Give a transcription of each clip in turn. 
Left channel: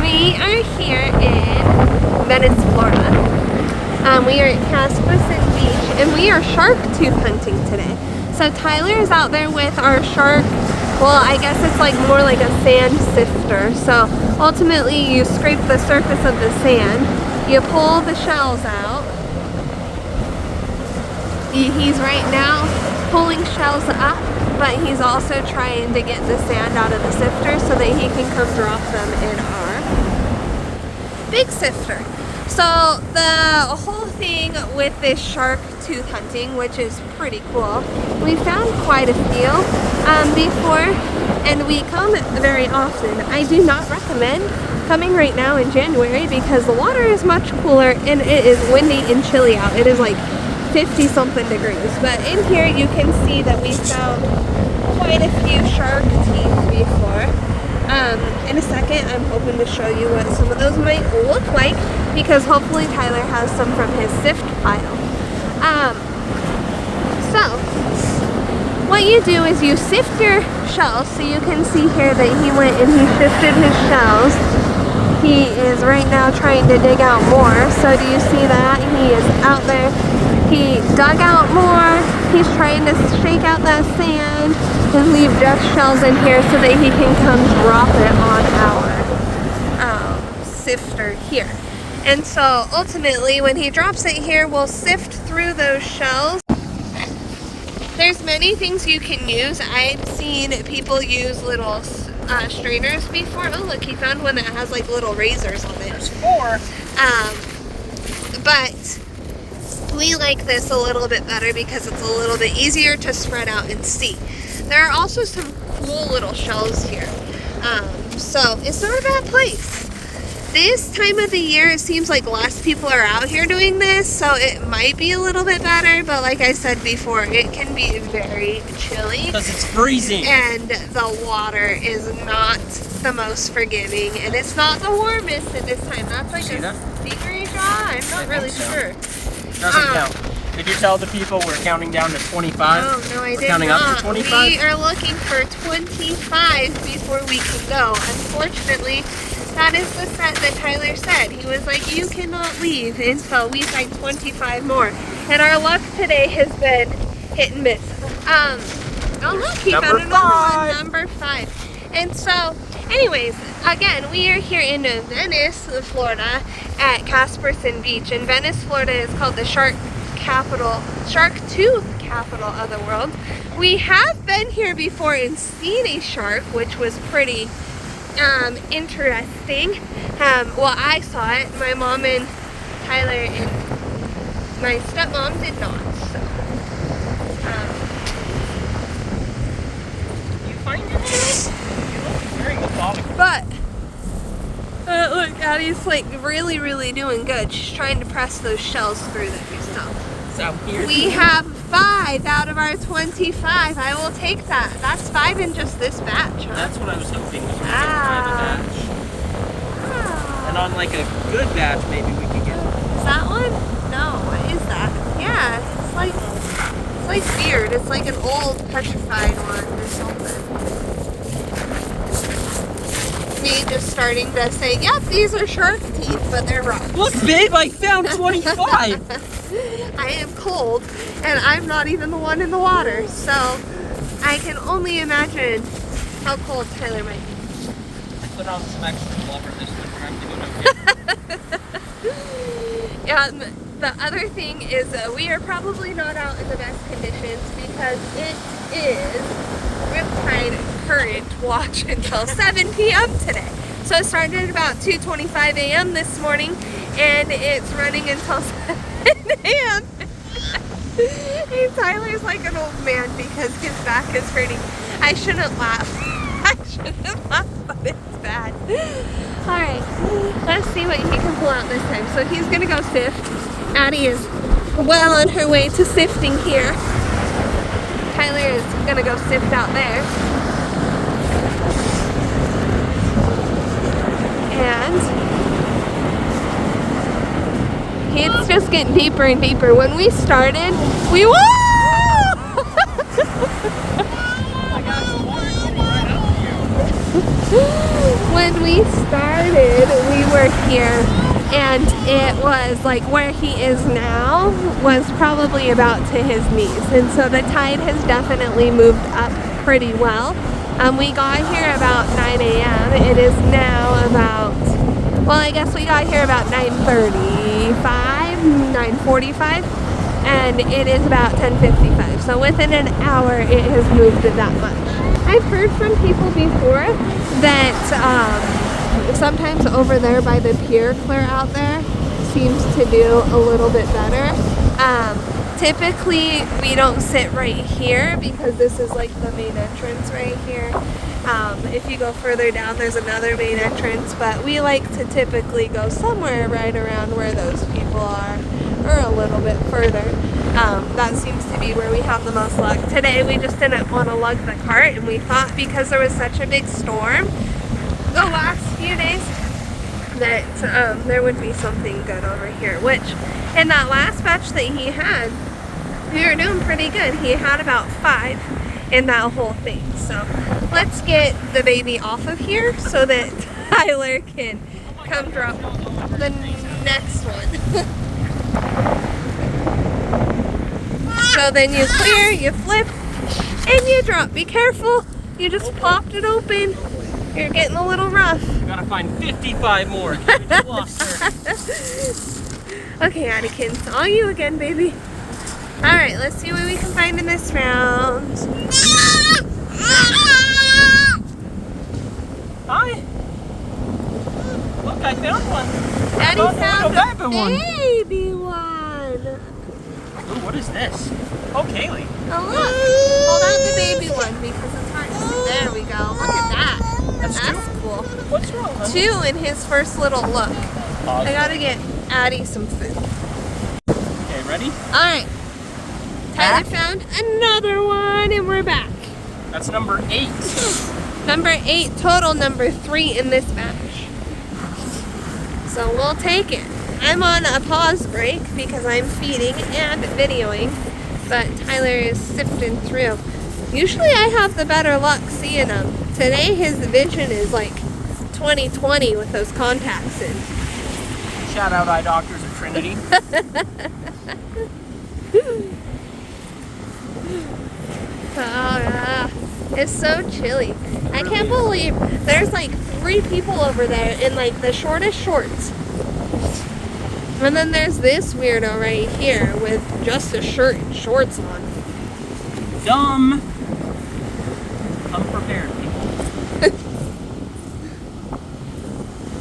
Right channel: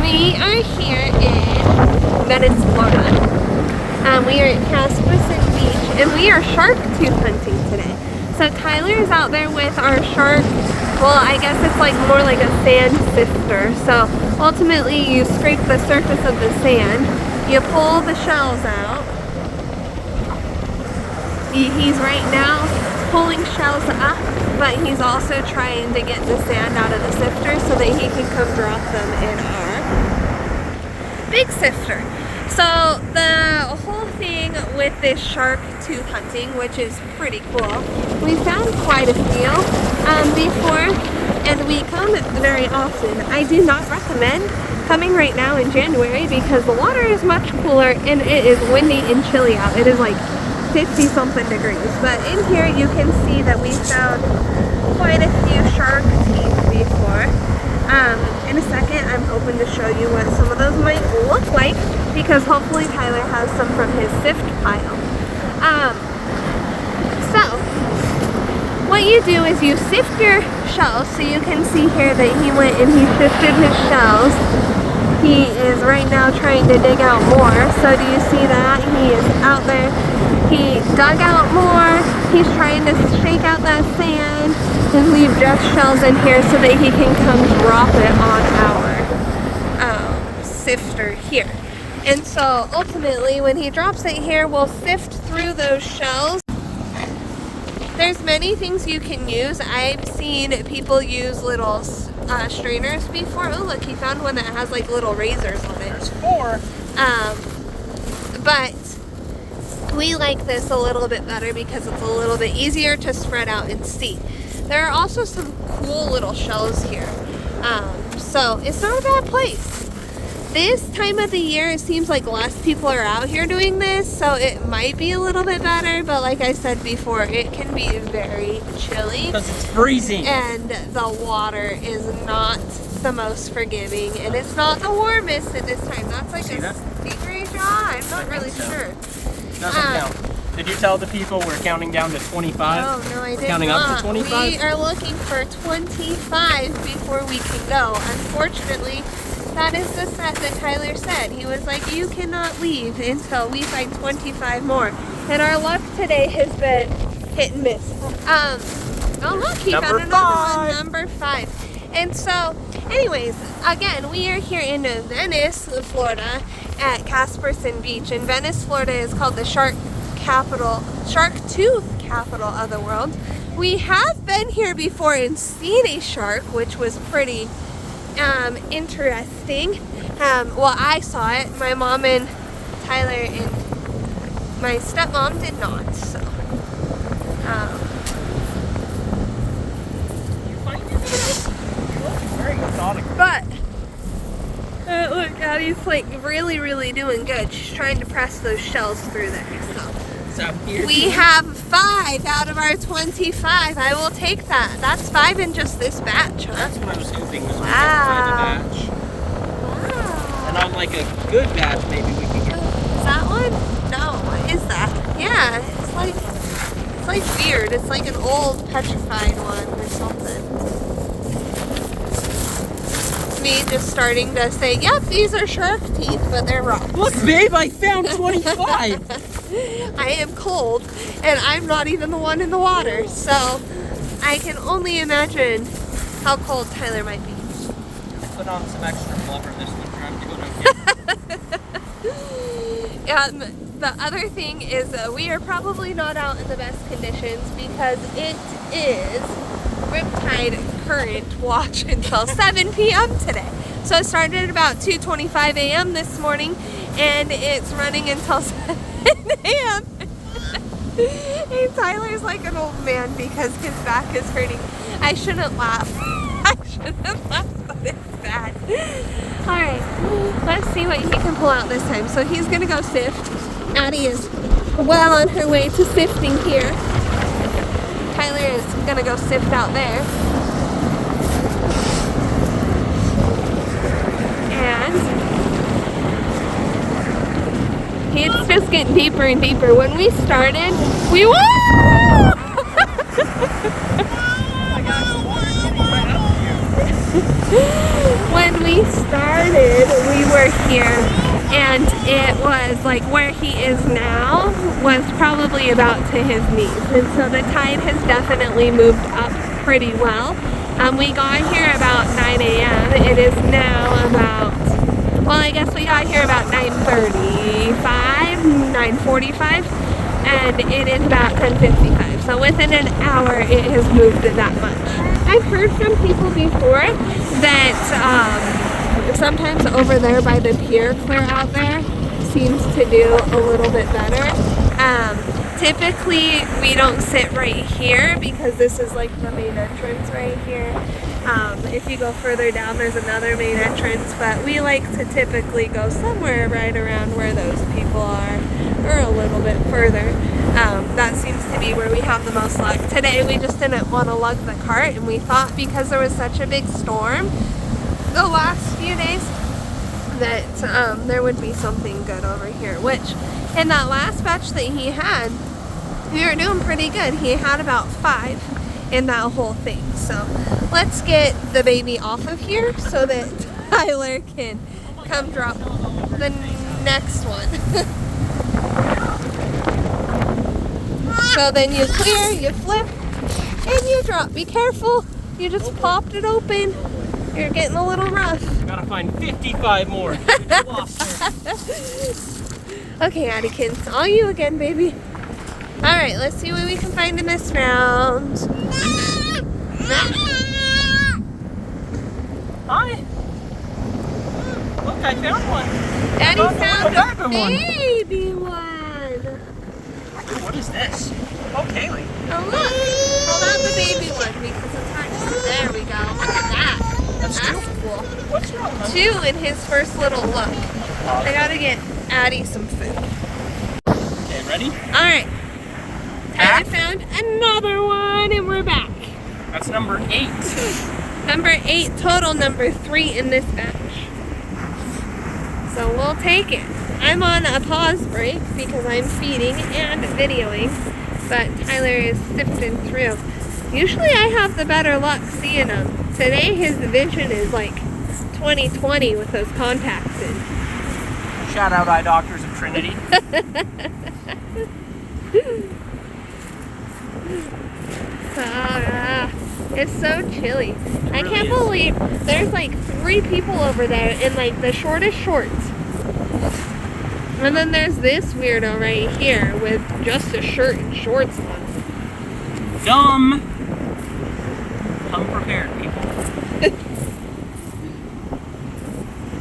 We are here in Venice, Florida. We are at Casperson Beach and we are shark tooth hunting today. So Tyler is out there with our shark, well, I guess it's like more like a sand sifter. So ultimately you scrape the surface of the sand, you pull the shells out. He's right now pulling shells up, but he's also trying to get the sand out of the sifter so that he can come drop them in our big sifter. So the whole thing with this shark tooth hunting, which is pretty cool, we found quite a few before, and we come very often. I do not recommend coming right now in January because the water is much cooler and it is windy and chilly out. It is like 50 something degrees, but in here you can see that we found quite a few shark teeth before. In a second I'm hoping to show you what some of those might look like because hopefully Tyler has some from his sift pile. So what you do is you sift your shells. So you can see here that he went and he sifted his shells. He is right now trying to dig out more. So do you see that? He is out there. He dug out more. He's trying to shake out that sand and leave just shells in here so that he can come drop it on our sifter here. And so ultimately when he drops it here, we'll sift through those shells. There's many things you can use. I've seen people use little strainers before. Oh look, he found one that has like little razors on it. There's 4. But we like this a little bit better because it's a little bit easier to spread out and see. There are also some cool little shells here. So it's not a bad place. This time of the year, it seems like less people are out here doing this, so it might be a little bit better, but like I said before, it can be very chilly. Because it's freezing. And the water is not the most forgiving, and it's not the warmest at this time. That's like a stingray jaw? I'm not really sure. Doesn't count. Did you tell the people we're counting down to 25? Oh, no, I did counting not. Up to 25? We are looking for 25 before we can go. Unfortunately, that is the set that Tyler said. He was like, you cannot leave until we find 25 more. And our luck today has been hit and miss. Oh look, he found another one, number 5. And so, anyways, again, we are here in Venice, Florida, at Casperson Beach. And Venice, Florida is called the shark tooth capital of the world. We have been here before and seen a shark, which was pretty interesting. Well, I saw it. My mom and Tyler and my stepmom did not. So, but look, Daddy's like really doing good. She's trying to press those shells through there. So we have 5 out of our 25. I will take that. That's 5 in just this batch. Huh? That's what I was hoping, was we could find a batch. Wow. And on like a good batch, maybe we could get. Is that one? No. What is that? Yeah, it's like weird. It's like an old petrified one or something. Me just starting to say, yep, these are shark teeth, but they're rocks. Look, babe, I found 25. I am cold, and I'm not even the one in the water, so I can only imagine how cold Tyler might be. Put on some extra blubber this time. And the other thing is we are probably not out in the best conditions because it is Riptide Current watch until 7 p.m. today. So it started at about 2:25 a.m. this morning and it's running until 7 a.m. Hey, Tyler's like an old man because his back is hurting. I shouldn't laugh. I shouldn't laugh, but it's bad. Alright, let's see what he can pull out this time. So he's gonna go sift. Addie is well on her way to sifting here. Tyler is gonna go sift out there. And it's just getting deeper and deeper. When we started, we whoa! Oh my gosh, the water's getting right up to you. When we started, we were here, and it was like where he is now was probably about to his knees, and so the tide has definitely moved up pretty well. We got here about 9 a.m. It is now about, well, I guess we got here about 9:35, 9:45, and it is about 10:55. So within an hour, it has moved that much. I've heard from people before that sometimes over there by the pier clear out there seems to do a little bit better. Typically we don't sit right here because this is like the main entrance right here. If you go further down there's another main entrance, but we like to typically go somewhere right around where those people are, or a little bit further. That seems to be where we have the most luck. Today we just didn't want to lug the cart, and we thought because there was such a big storm the last few days that there would be something good over here, which in that last batch that he had, we were doing pretty good. He had about 5 in that whole thing. So let's get the baby off of here so that Tyler can come drop the next one. So then you clear, you flip, and you drop. Be careful, you just popped it open. You're getting a little rough. Gotta find 55 more. Okay, Addikins, all you again, baby. Alright, let's see what we can find in this round. Hi. Look, I found one. Daddy found a one. baby one. Ooh, what is this? Oh, Kaylee. Oh, look. Hold out the baby one because it's hard to see. There we go. Look at that. That's cool. What's wrong? 2 in his first little look. I gotta get Addie some food. Okay, ready? Alright. Tyler found another one and we're back. That's number 8. Number 8 total, number 3 in this batch. So we'll take it. I'm on a pause break because I'm feeding and videoing, but Tyler is sifting through. Usually I have the better luck seeing him. Today his vision is like 20/20 with those contacts in. Shout out eye doctors of Trinity. It's so chilly. I can't believe there's like 3 people over there in like the shortest shorts. And then there's this weirdo right here with just a shirt and shorts on. Dumb. Come prepared, people.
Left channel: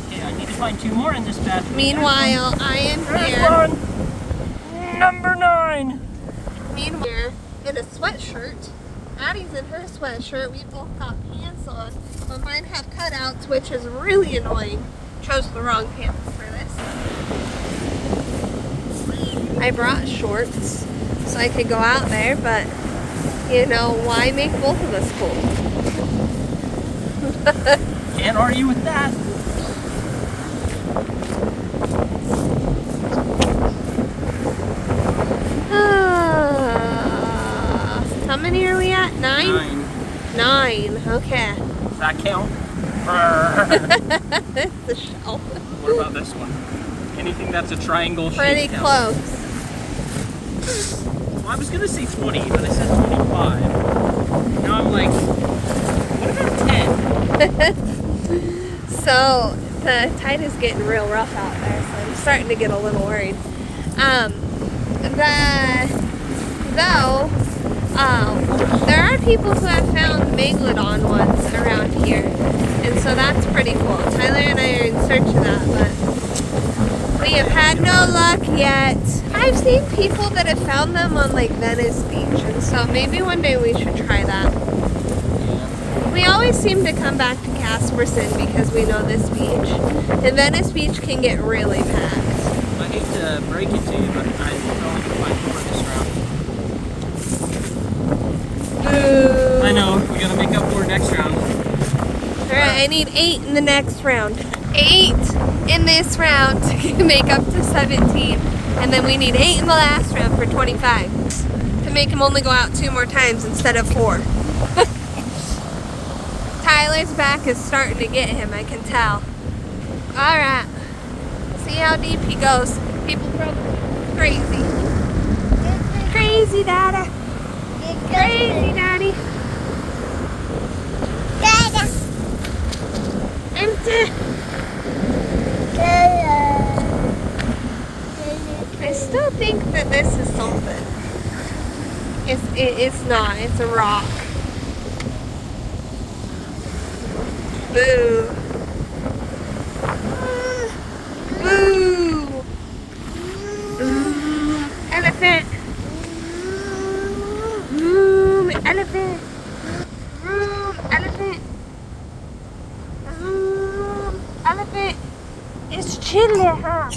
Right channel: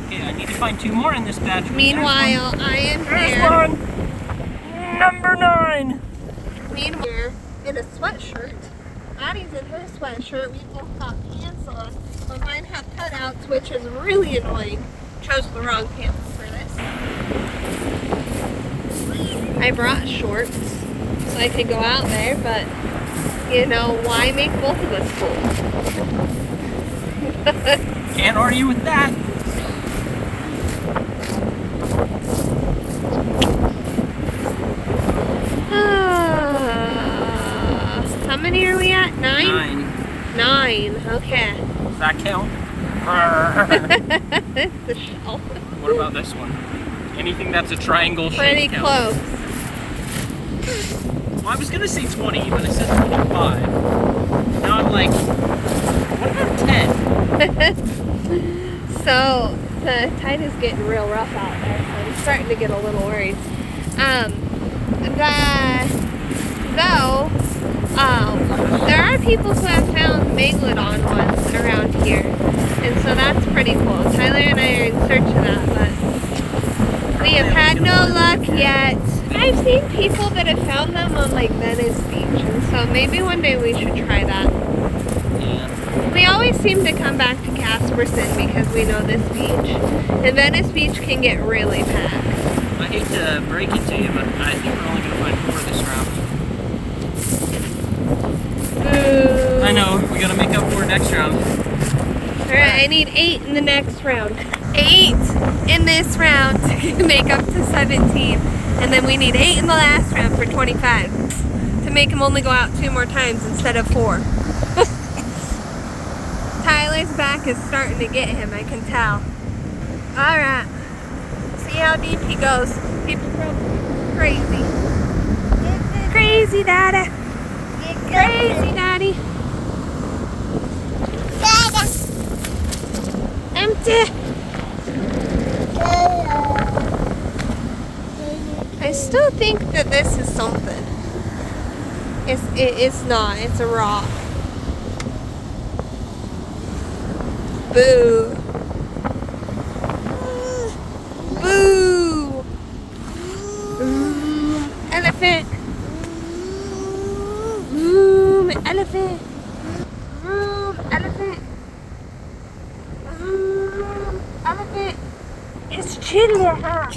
Okay, I need to find 2 more in this batch. Meanwhile, I am There's here. one. Number 9. Meanwhile, in a sweatshirt. Addie's in her sweatshirt. We both got pants on, but mine have cutouts, which is really annoying. Chose the wrong pants for this. I brought shorts so I could go out there, but you know, why make both of us cold? Can't argue with that. How many are we at? 9? 9. 9, okay. Does that count? It's the shell. What about this one? Anything that's a triangle shape. Pretty close. Well, I was gonna say 20, but I said 25. Now I'm like, what about 10? So the tide is getting real rough out there, so I'm starting to get a little worried. There are people who have found megalodon ones around here, and so that's pretty cool. Tyler and I are in search of that, but we have had no luck yet. I've seen people that have found them on like Venice Beach, and so maybe one day we should try that. Yeah. We always seem to come back to Casperson because we know this beach, and Venice Beach can get really packed. I hate to break it to you, but I think we're only gonna find 4 this round. Boo. I know, we gotta make up for it next round. Alright, I need 8 in the next round. 8 in this round to make up to 17. And then we need 8 in the last round for 25. To make him only go out 2 more times instead of 4. Tyler boy's back is starting to get him, I can tell. Alright. See how deep he goes. People probably crazy. Crazy, Daddy. Crazy, Daddy. Empty. I still think that this is something. It's not. It's a rock. Boo. Boo. Elephant. Elephant. Elephant. Elephant. It's chilly, huh?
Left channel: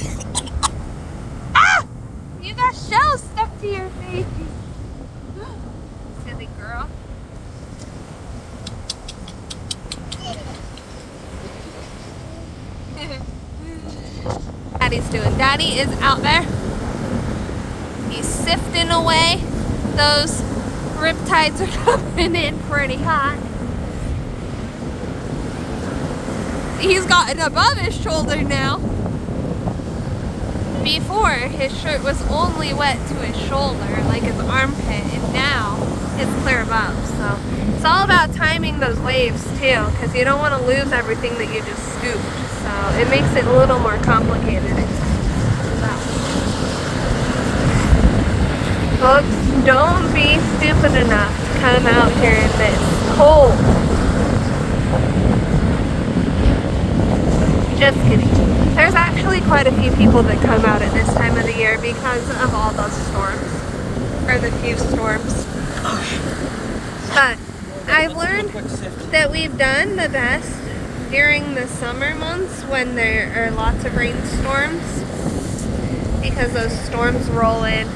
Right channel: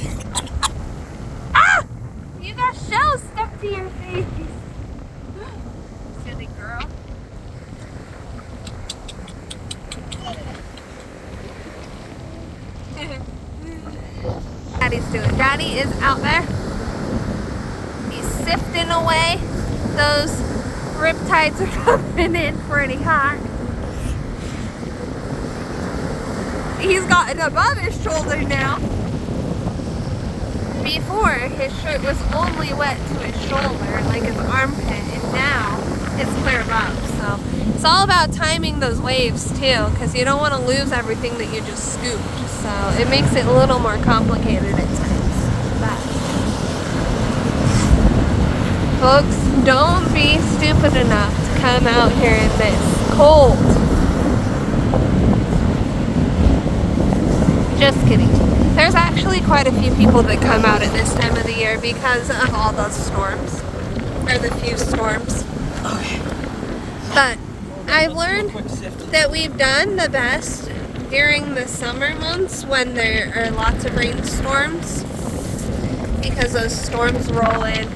Ah! You got shells stuck to your face. Silly girl. Daddy's doing. Daddy is out there. He's sifting away. Those riptides are coming in pretty hot. He's gotten above his shoulder now. Before, his shirt was only wet to his shoulder, like his armpit, and now it's clear above. So it's all about timing those waves too, because you don't want to lose everything that you just scooped. So it makes it a little more complicated at times. Folks, don't be stupid enough to come out here in this cold. Just kidding. There's actually quite a few people that come out at this time of the year because of all those storms. Or the few storms. But I've learned that we've done the best during the summer months when there are lots of rainstorms, because those storms roll in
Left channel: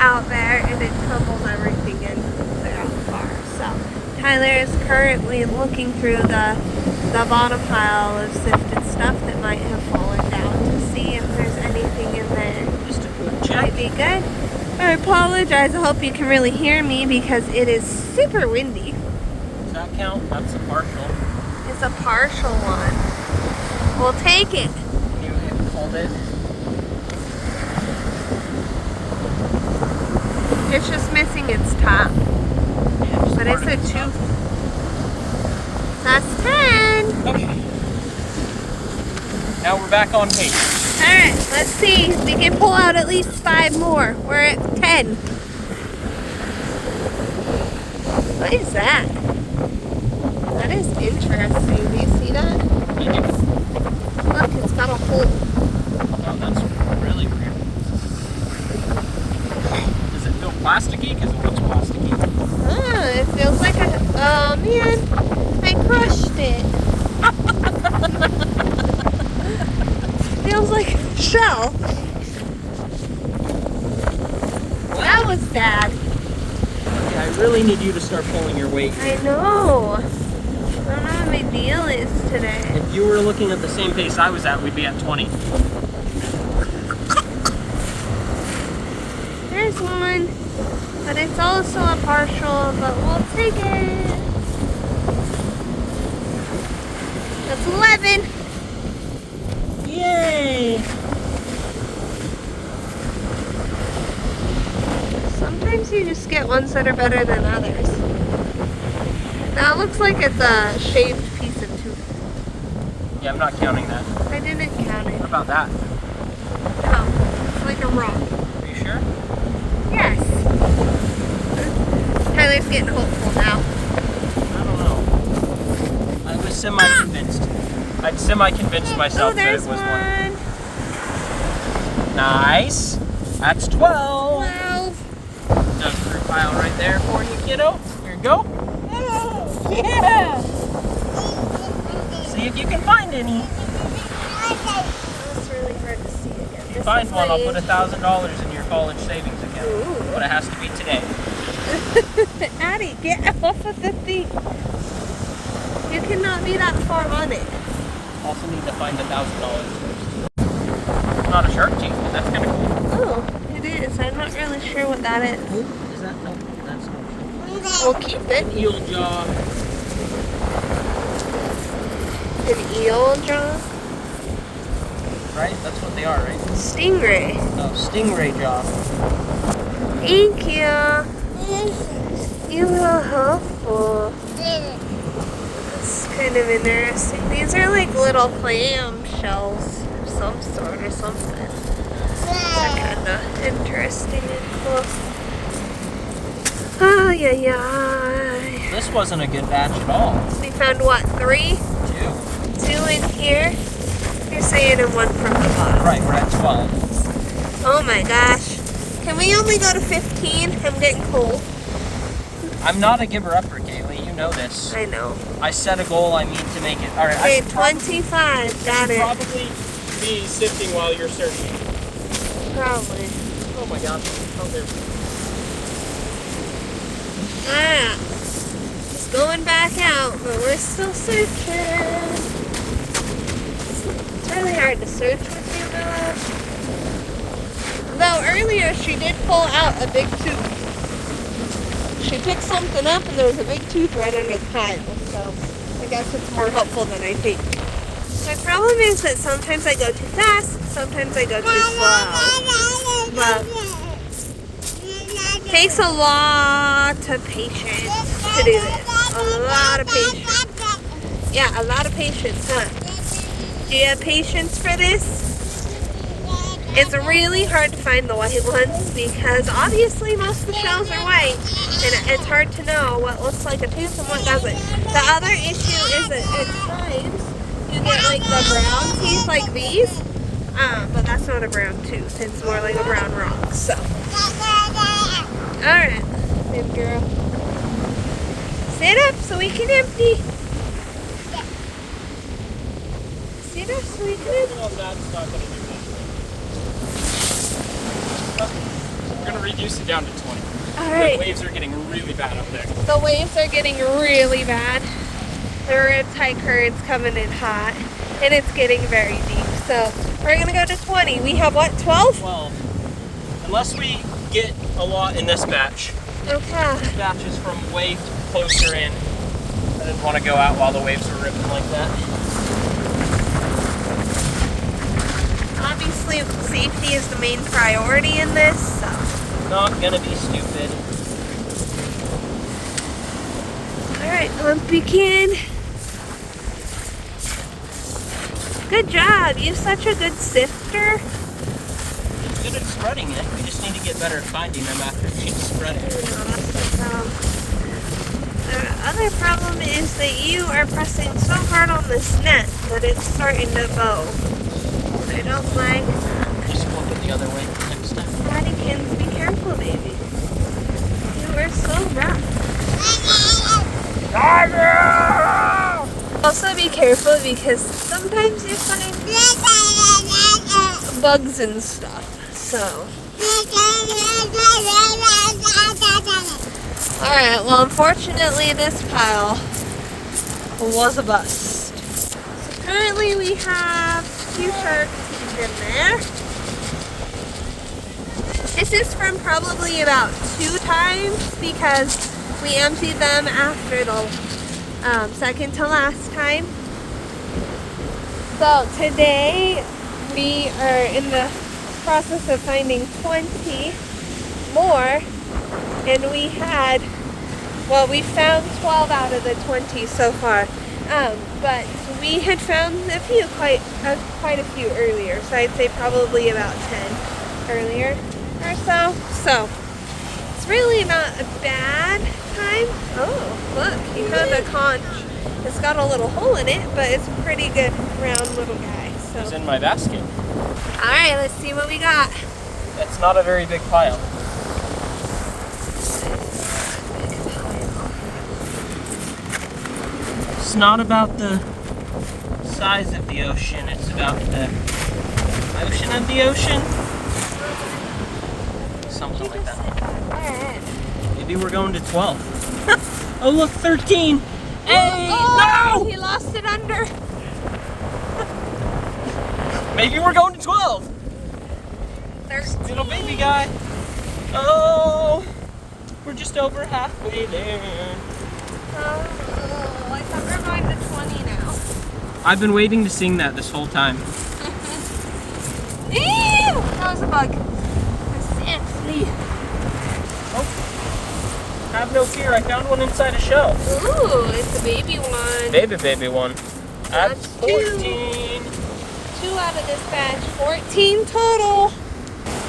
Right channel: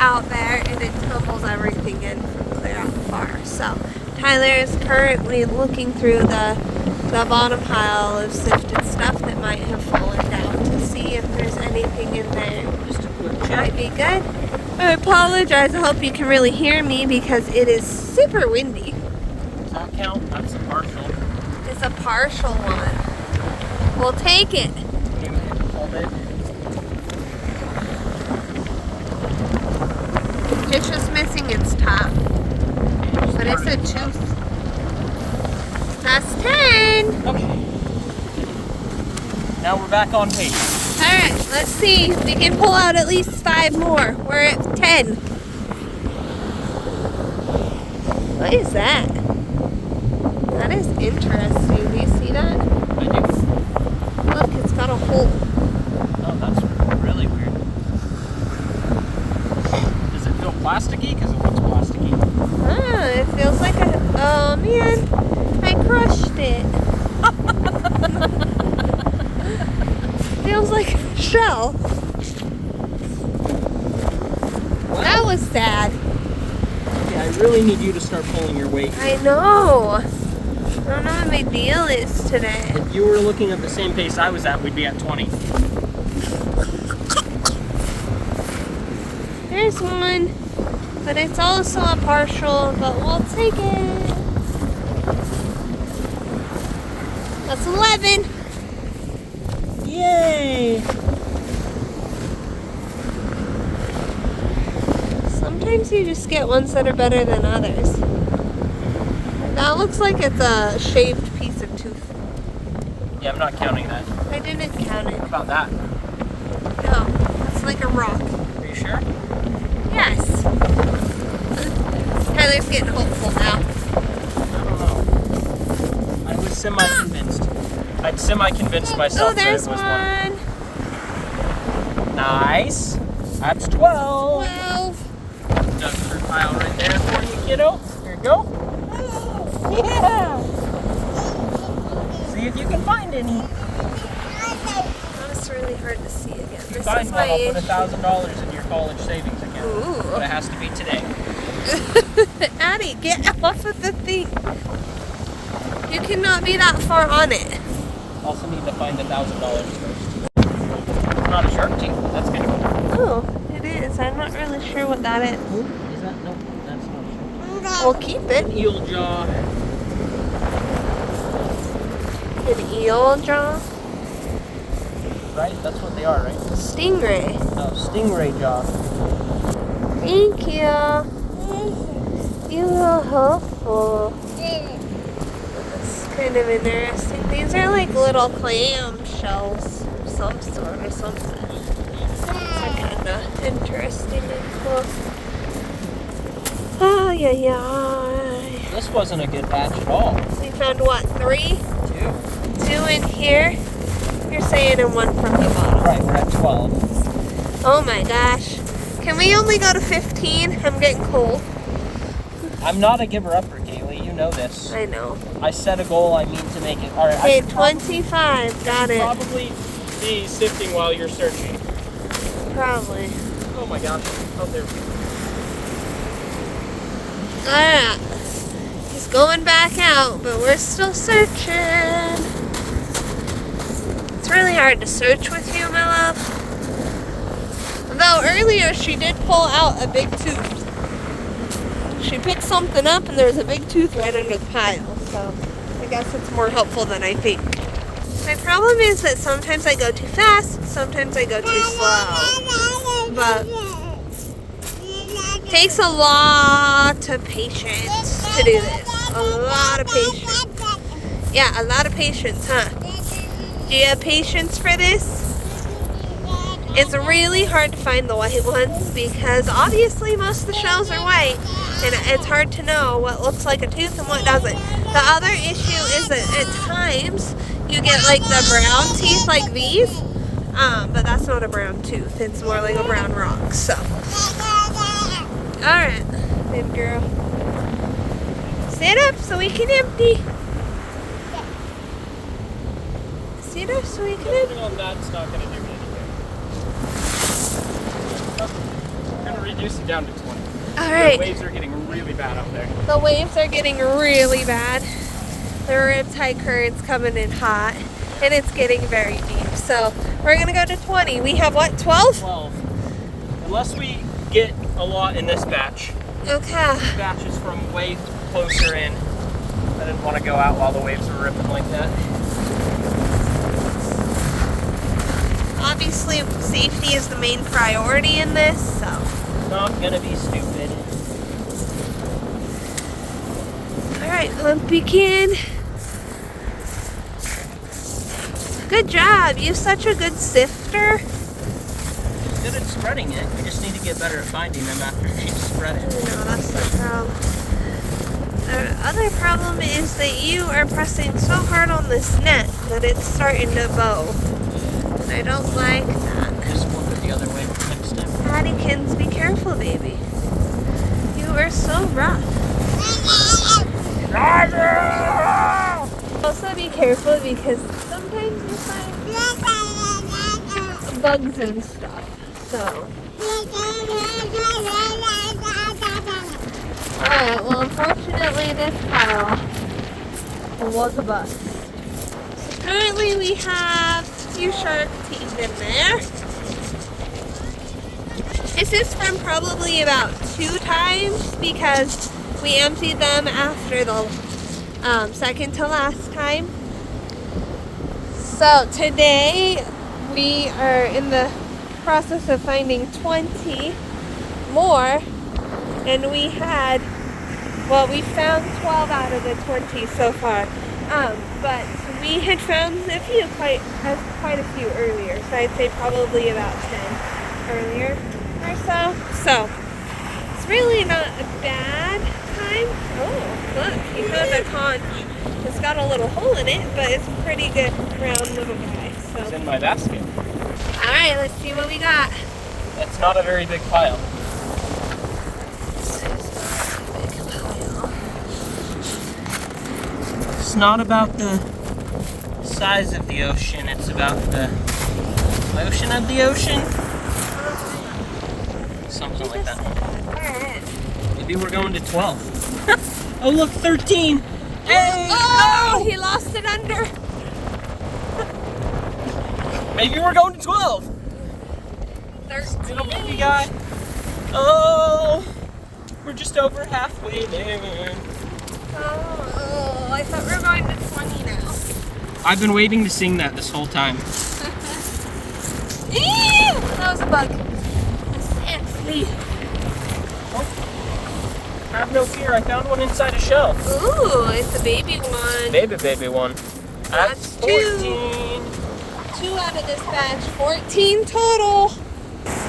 out there and it tumbles everything in from there out far. So Tyler is currently looking through the bottom pile of sifted stuff that might have fallen down to see if there's anything in there. Just a quick check. Might be good. I apologize. I hope you can really hear me because it is super windy. Does that count? That's a partial. It's a partial one. We'll take it. Can you hold it? It's just missing its top. But it's a tooth. That's 10. Okay. Now we're back on pace. Alright, let's see if we can pull out at least 5 more. We're at 10. What is that? That is interesting. Do you see that? I do. Look, it's got a hole. Oh, that's really weird. Does it feel plasticky? Because it looks plasticky. Ah, it feels like a... Oh, man. I crushed it. Feels like a shell. That was sad. Yeah, I really need you to start pulling your weight. I know. I don't know what my deal is today. If you were looking at the same pace I was at, we'd be at 20. There's one. But it's also a partial, but we'll take it. That's 11. Yay! Sometimes you just get ones that are better than others. That looks like it's a shaved piece of tooth. Yeah, I'm not counting mine. I didn't count it. How about that? Oh, it's like a rock. Are you sure? Yes. Tyler's getting hopeful now. I don't know. I was semi-convinced. I'd semi-convinced myself that it there's was one. Nice. That's 12. 12. Just a pile right there for you, kiddo. Here you go. Yeah. See if you can find any. That's really hard to see again. If you find one, I'll put $1,000 in your college savings account. Ooh. But it has to be today. Addie, get off of the thing. You cannot be that far on it. Also need to find $1,000 first. It's not a shark tooth, but that's kind of cool. Oh, it is. I'm not really sure what that is. Is that no? That's not We'll keep it. eel jaw. An eel, John? Right? That's what they are, right? Stingray. Oh, stingray jaw. Thank you. You are helpful. It's kind of interesting. These are like little clam shells of some sort or something. They're kind of interesting and cool. Oh, yeah. This wasn't a good batch at all. We found what, 3? 2 in here. You're saying and 1 from the bottom. Right, we're at 12. Oh my gosh. Can we only go to 15? I'm getting cold. I'm not a giver-upper, Kaylee. You know this. I know. I set a goal. I mean to make it. All right. Okay, 25. Got it. Probably be sifting while you're searching. Probably. Oh my God. Oh, there. Alright. He's going back out, but we're still searching. It's really hard to search with you, my love. Though earlier she did pull out a big tooth. She picked something up and there's a big tooth right under the pile, so I guess it's more helpful than I think. My problem is that sometimes I go too fast, sometimes I go too slow. But it takes a lot of patience to do this. A lot of patience. Yeah, a lot of patience, huh? Do you have patience for this? It's really hard to find the white ones because obviously most of the shells are white and it's hard to know what looks like a tooth and what doesn't. The other issue is that at times you get like the brown teeth like these, but that's not a brown tooth. It's more like a brown rock, so. Alright, good girl. Sit up so we can empty. Sit up so we can empty. No, that's not going to do it. We're going to reduce it down to 20. Alright. The waves are getting really bad out there. The waves are getting really bad. The riptide current's coming in hot, and it's getting very deep. So we're going to go to 20. We have what, 12? 12. Unless we get a lot in this batch. Okay. This batch is from way closer in. I didn't want to go out while the waves were ripping like that. Obviously, safety is the main priority in this, so. Not gonna be stupid. Alright, pumpkin. Good job. You're such a good sifter. Good at spreading it. We just need to get better at finding them after they spread it. No, that's the problem. The other problem is that you are pressing so hard on this net that it's starting to bow. I don't like that. Just flip it the other way next time. Paddykins, be careful, baby. You are so rough. Also be careful because sometimes you find bugs and stuff. So. Alright, well unfortunately this pile was a bust. So currently we have a few shark teeth in there. This is from probably about 2 times because we emptied them after the second to last time. So today we are in the process of finding 20 more, and we found 12 out of the 20 so far. But we had found quite a few earlier, so I'd say probably about 10 earlier or so. So it's really not a bad time. Oh, look, you know the conch. It's got a little hole in it, but it's a pretty good round little guy. So. It's in my basket. Alright, let's see what we got. It's not a very big pile. It's not about the size of the ocean, it's about the motion of the ocean. Something like that. Alright. Maybe we're going to 12. Oh look, 13! Hey! Oh, No! he lost it under. Maybe we're going to 12! There's Little baby guy. Oh! We're just over halfway there. Oh, I thought we were going to 20 now. I've been waiting to sing that this whole time. That was a bug. Have no fear, I found one inside a shell. Ooh, it's a baby one. Baby one. That's 14. 2 out of this batch, 14 total.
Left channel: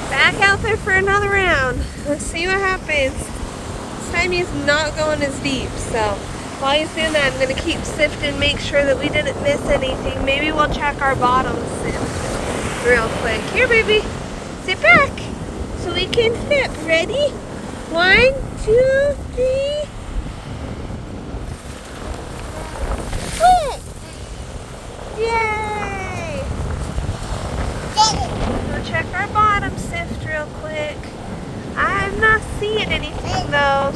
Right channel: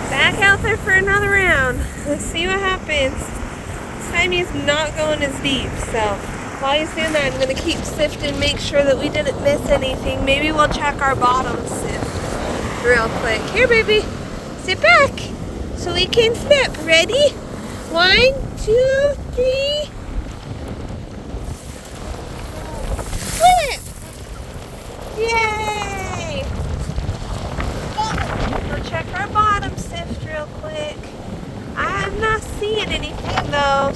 Back out there for another round. Let's see what happens. This time he's not going as deep, so while he's doing that, I'm gonna keep sifting, make sure that we didn't miss anything. Maybe we'll check our bottom sift real quick. Here, baby, sit back so we can flip. Ready? 1, 2, 3. Flip! Yay! We'll check our bottom sift real quick. I'm not seeing anything though.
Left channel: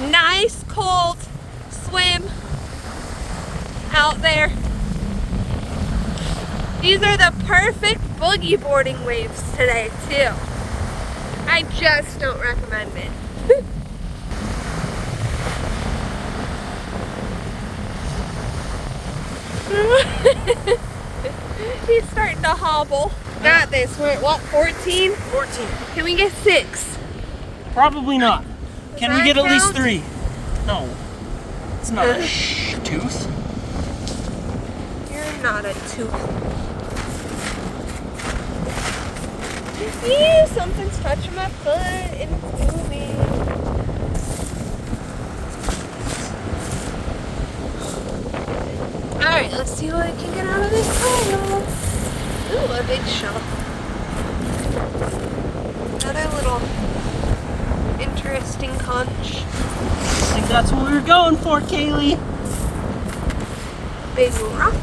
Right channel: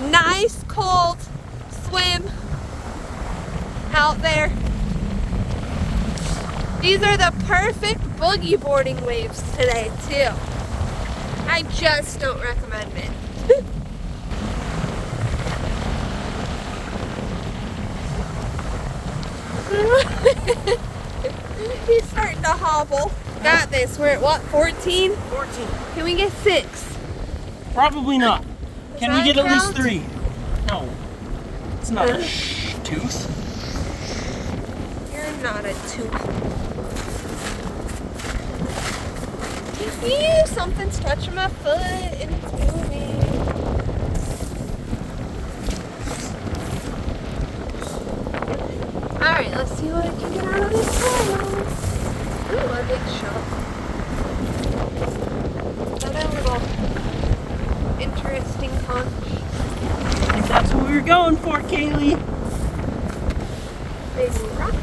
Nice cold swim out there. These are the perfect boogie boarding waves today too. I just don't recommend it. He's starting to hobble. Got this. We're at what, 14? 14. Can we get 6? Probably not. Can we get at least count? 3? No. It's not a tooth. You're not a tooth. Ew, something's touching my foot and it's moving. Alright, let's see what I can get out of this hole. Ooh, a big shell. Got a little interesting conch. I think that's what we were going for, Kaylee. Big rock.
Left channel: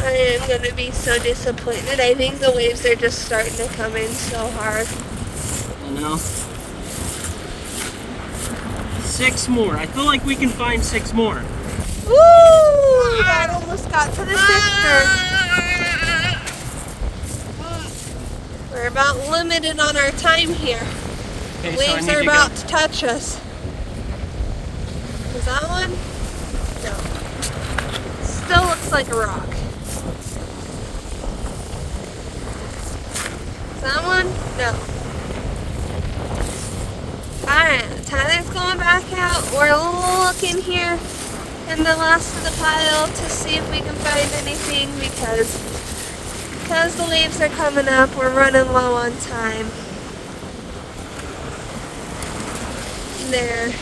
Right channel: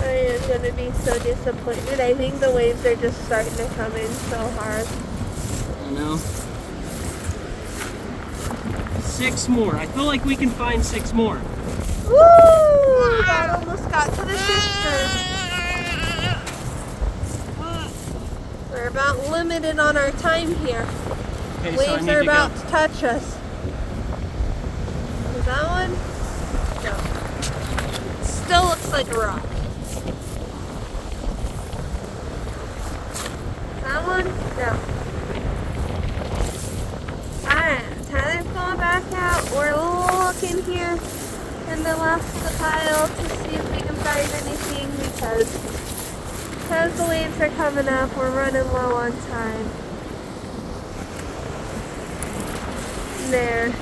I am gonna be so disappointed. I think the waves are just starting to come in so hard. You know? 6 more. I feel like we can find 6 more. Woo! That almost got to the sifter. We're about limited on our time here. Okay, so I Waves need are to about go. to touch us. Is that one? No. Still looks like a rock. Is that one? No. Alright, Tyler's going back out. We're looking here in the last of the pile to see if we can find anything because the waves are coming up. We're running low on time. There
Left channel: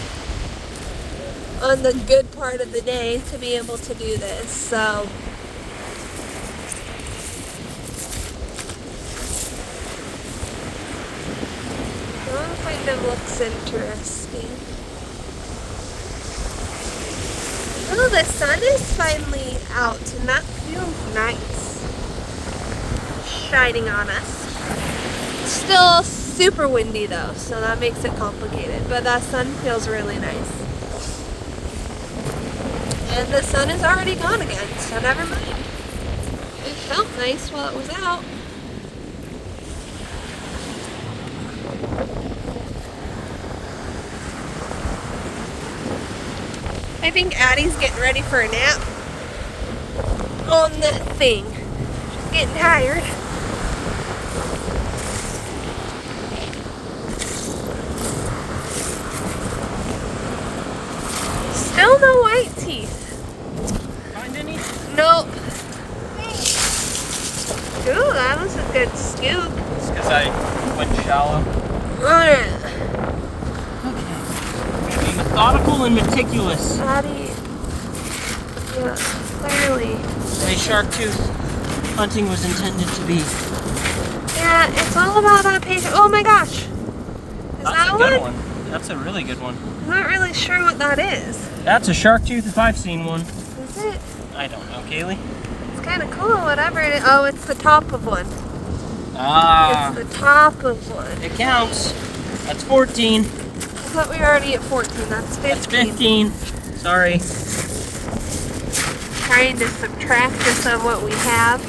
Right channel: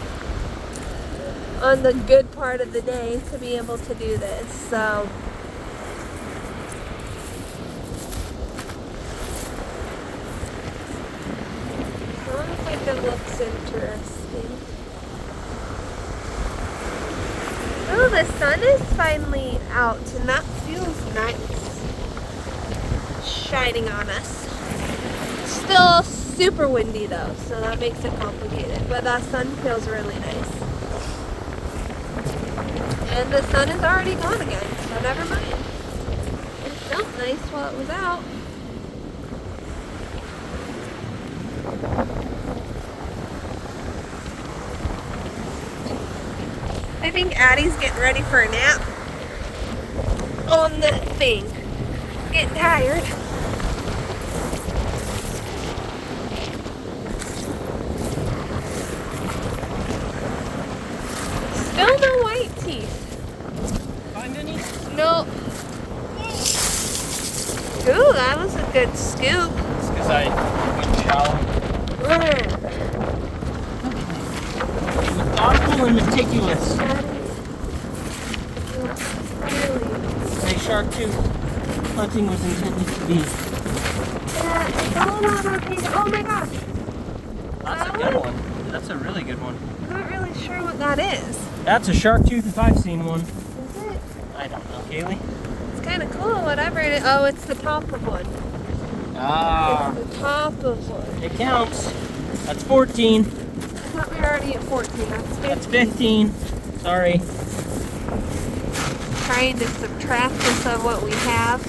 on the good part of the day to be able to do this. So I wonder if like it looks interesting. Oh, the sun is finally out and that feels nice. Shining on us. Still super windy though, so that makes it complicated, but that sun feels really nice. And the sun is already gone again, so never mind. It felt nice while it was out. I think Addie's getting ready for a nap on the thing. She's getting tired. Still no white teeth. Find any? Nope. Ooh, that was a good scoop. It's because I went shallow. Alright. Okay. Be methodical and meticulous. Addie. Yeah, really. My shark tooth hunting was intended to be. Yeah, it's all about that patience. Oh my gosh. Is That's that a good one. That's a really good one. I'm not really sure what that is. That's a shark tooth if I've seen one. Is it? I don't know, Kaylee. It's kind of cool, whatever it is. Oh, it's the top of one. Ah, It's the top of one. it counts. That's 14. I thought we were already at 14. That's 15. That's 15. Sorry. Trying to subtract this of what we have.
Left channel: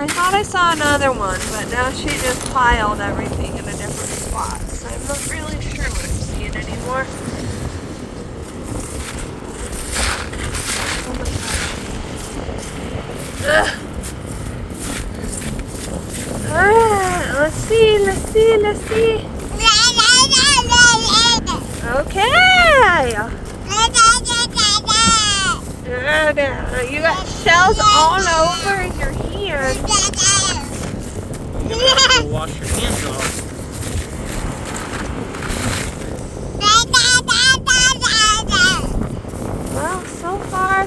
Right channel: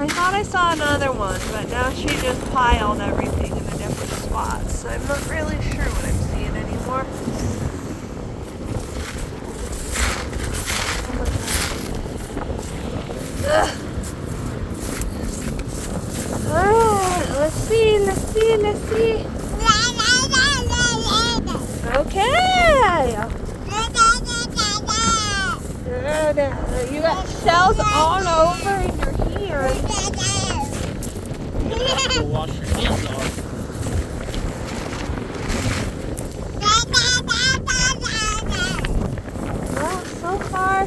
I thought I saw another one, but now she just piled everything in a different spot. So I'm not really sure what I'm seeing anymore. Ugh. Alright, let's see. Okay. You got shells all over your hands. Go wash your hands off. Well, so far,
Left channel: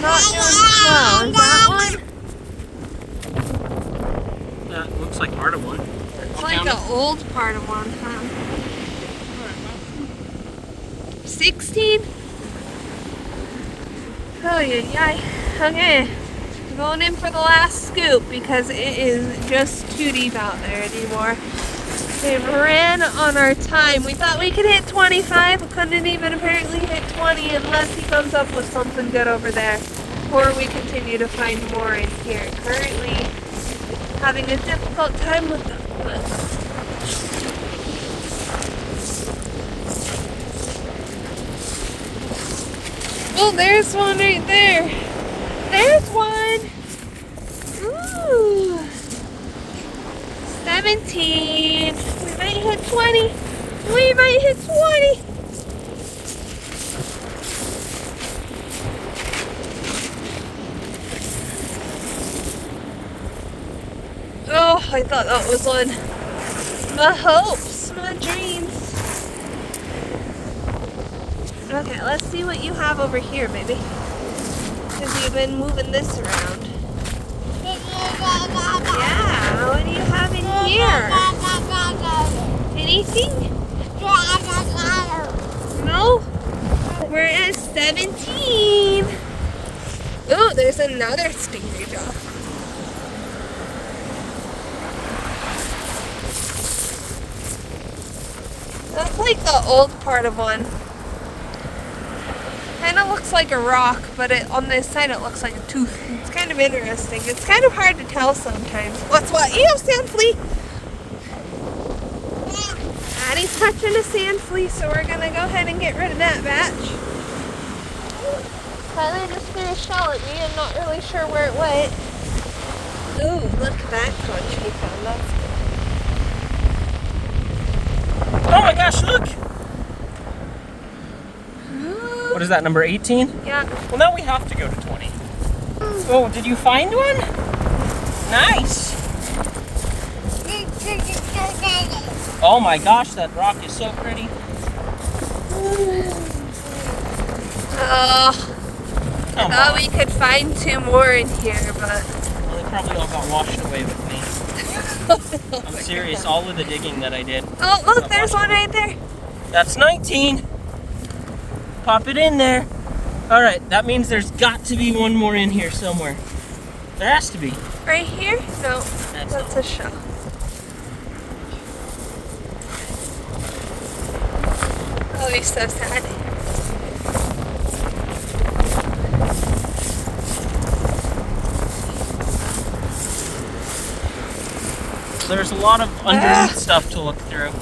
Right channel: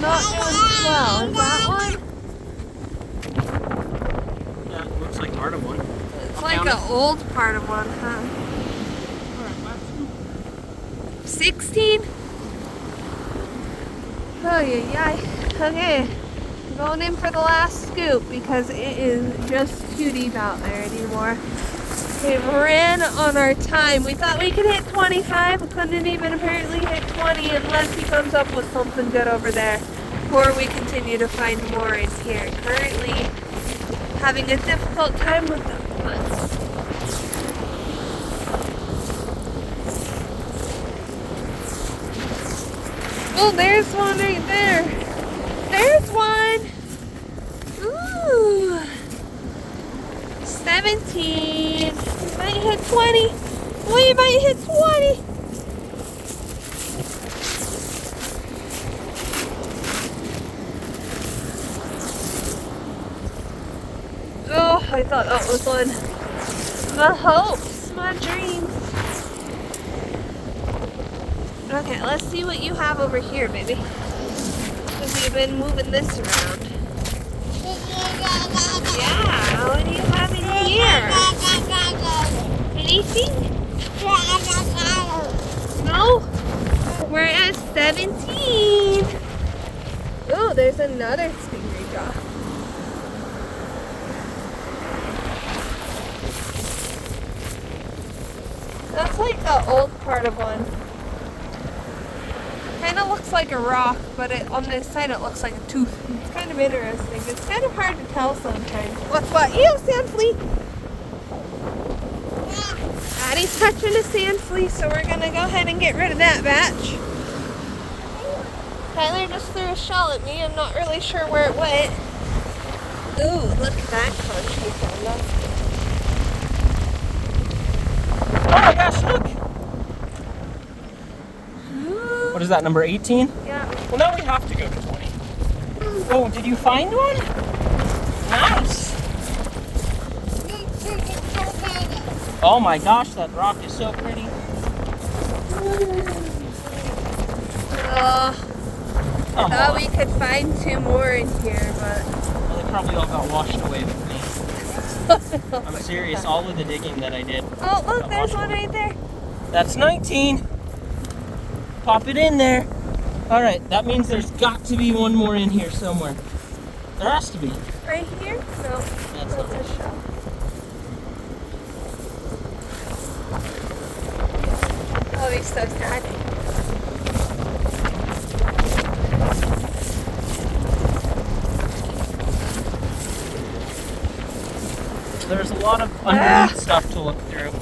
not really slow. Is that one? That looks like part of one. It's like an old part of one, huh? 16? Oh, yeah. Okay. I'm going in for the last scoop because it is just too deep out there anymore. It ran on our time. We thought we could hit 25. We couldn't even apparently hit 20 unless he comes up with something good over there. Or we continue to find more in here. Currently having a difficult time with them. Oh, there's one right there. There's one. Ooh. 17. We might hit 20. We might hit 20. Oh, I thought that was one. My hopes, my dreams. Okay, let's see what you have over here, baby. Because you've been moving this around. Yeah, what do you have in here? Anything? No? We're at 17. Ooh, there's another stingray jaw. That's like the old part of one. Kind of looks like a rock, but on this side it looks like a tooth. It's kind of interesting. It's kind of hard to tell sometimes. What's what? Ew, sand flea! Addie's touching a sand flea, so we're gonna go ahead and get rid of that batch. Tyler just threw a shell at me. I'm not really sure where it went. Ooh, look at that crunch he found us. Oh my gosh, look! What is that, number 18? Yeah. Well, now we have to go to 20. Oh, did you find one? Nice! Oh my gosh, that rock is so pretty. Come Thought on. we could find 2 more in here, but... Well, they probably all got washed away with me. I'm serious, all of the digging that I did. Oh, look, there's one right there. That's 19. Pop it in there. All right, that means there's got to be one more in here somewhere. There has to be. Right here? No, that's a shell. I'll be so sad. There's a lot of underneath stuff to look through.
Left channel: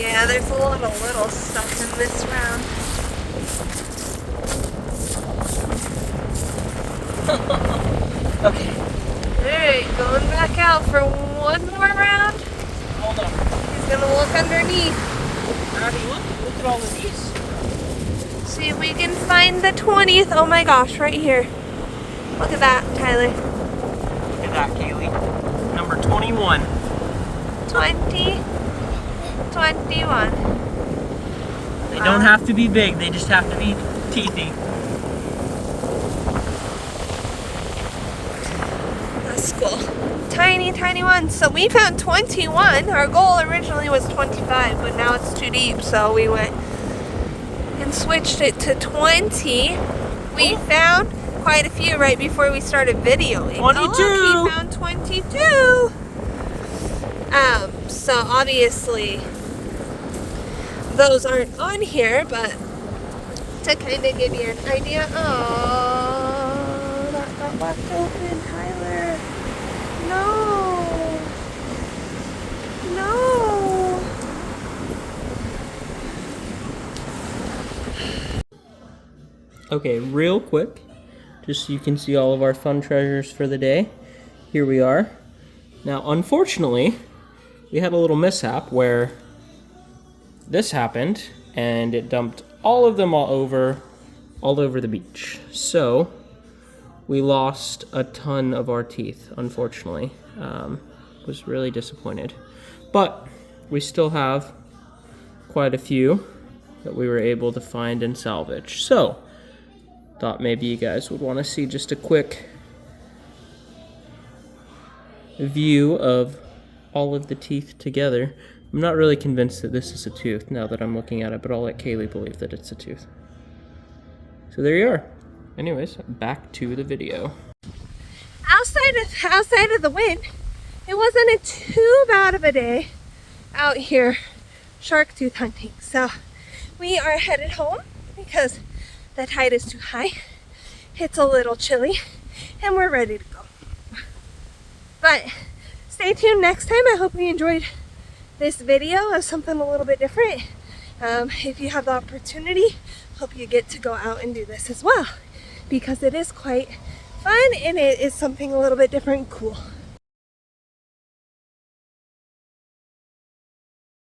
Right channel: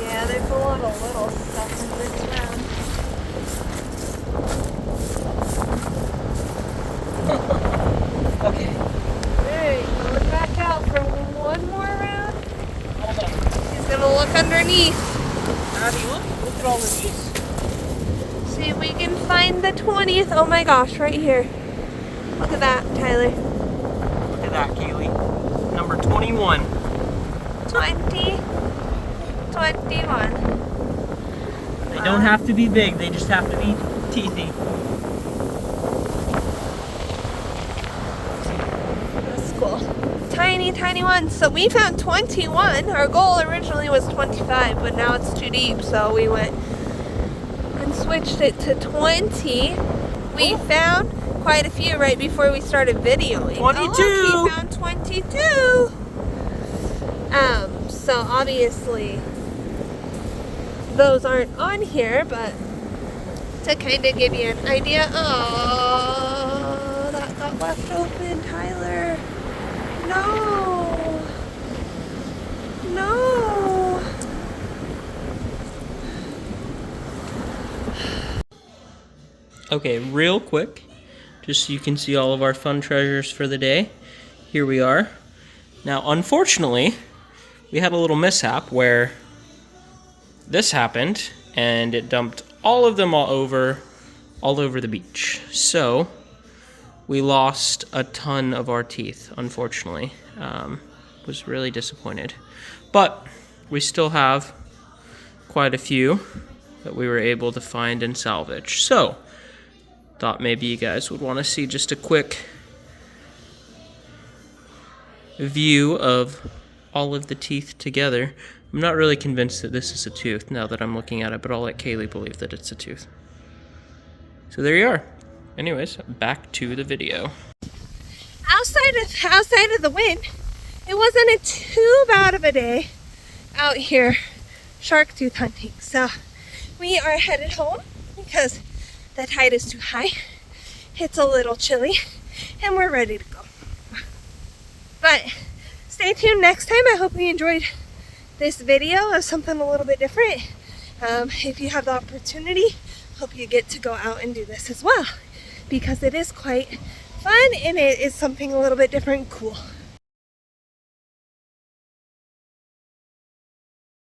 Yeah, there's a lot of little stuff in this round. Okay. Alright, going back out for one more round. Hold on. He's gonna look underneath. How do you want? Look at all of these. See if we can find the 20th. Oh my gosh, right here. Look at that, Tyler. Look at that, Kaylee. Number 21. 20. 21. They don't have to be big, they just have to be teethy. That's cool. Tiny, tiny ones. So we found 21. Our goal originally was 25, but now it's too deep, so we went and switched it to 20. We found quite a few right before we started videoing. 22! Oh, look, we found 22! So obviously those aren't on here, but to kind of give you an idea. Oh, that got left open, Tyler. No. No. Okay, real quick. just so you can see all of our fun treasures for the day. Here we are. Now, unfortunately, we had a little mishap where this happened and it dumped all of them all over the beach. So we lost a ton of our teeth, unfortunately. Was really disappointed. But we still have quite a few that we were able to find and salvage. So thought maybe you guys would want to see just a quick view of all of the teeth together. I'm not really convinced that this is a tooth now that I'm looking at it, but I'll let Kaylee believe that it's a tooth. So there you are. Anyways, back to the video. Outside of the wind, it wasn't too bad of a day out here shark tooth hunting. So we are headed home because the tide is too high. It's a little chilly and we're ready to go. But stay tuned next time. I hope you enjoyed this video of something a little bit different. If you have the opportunity, hope you get to go out and do this as well, because it is quite fun and it is something a little bit different and cool.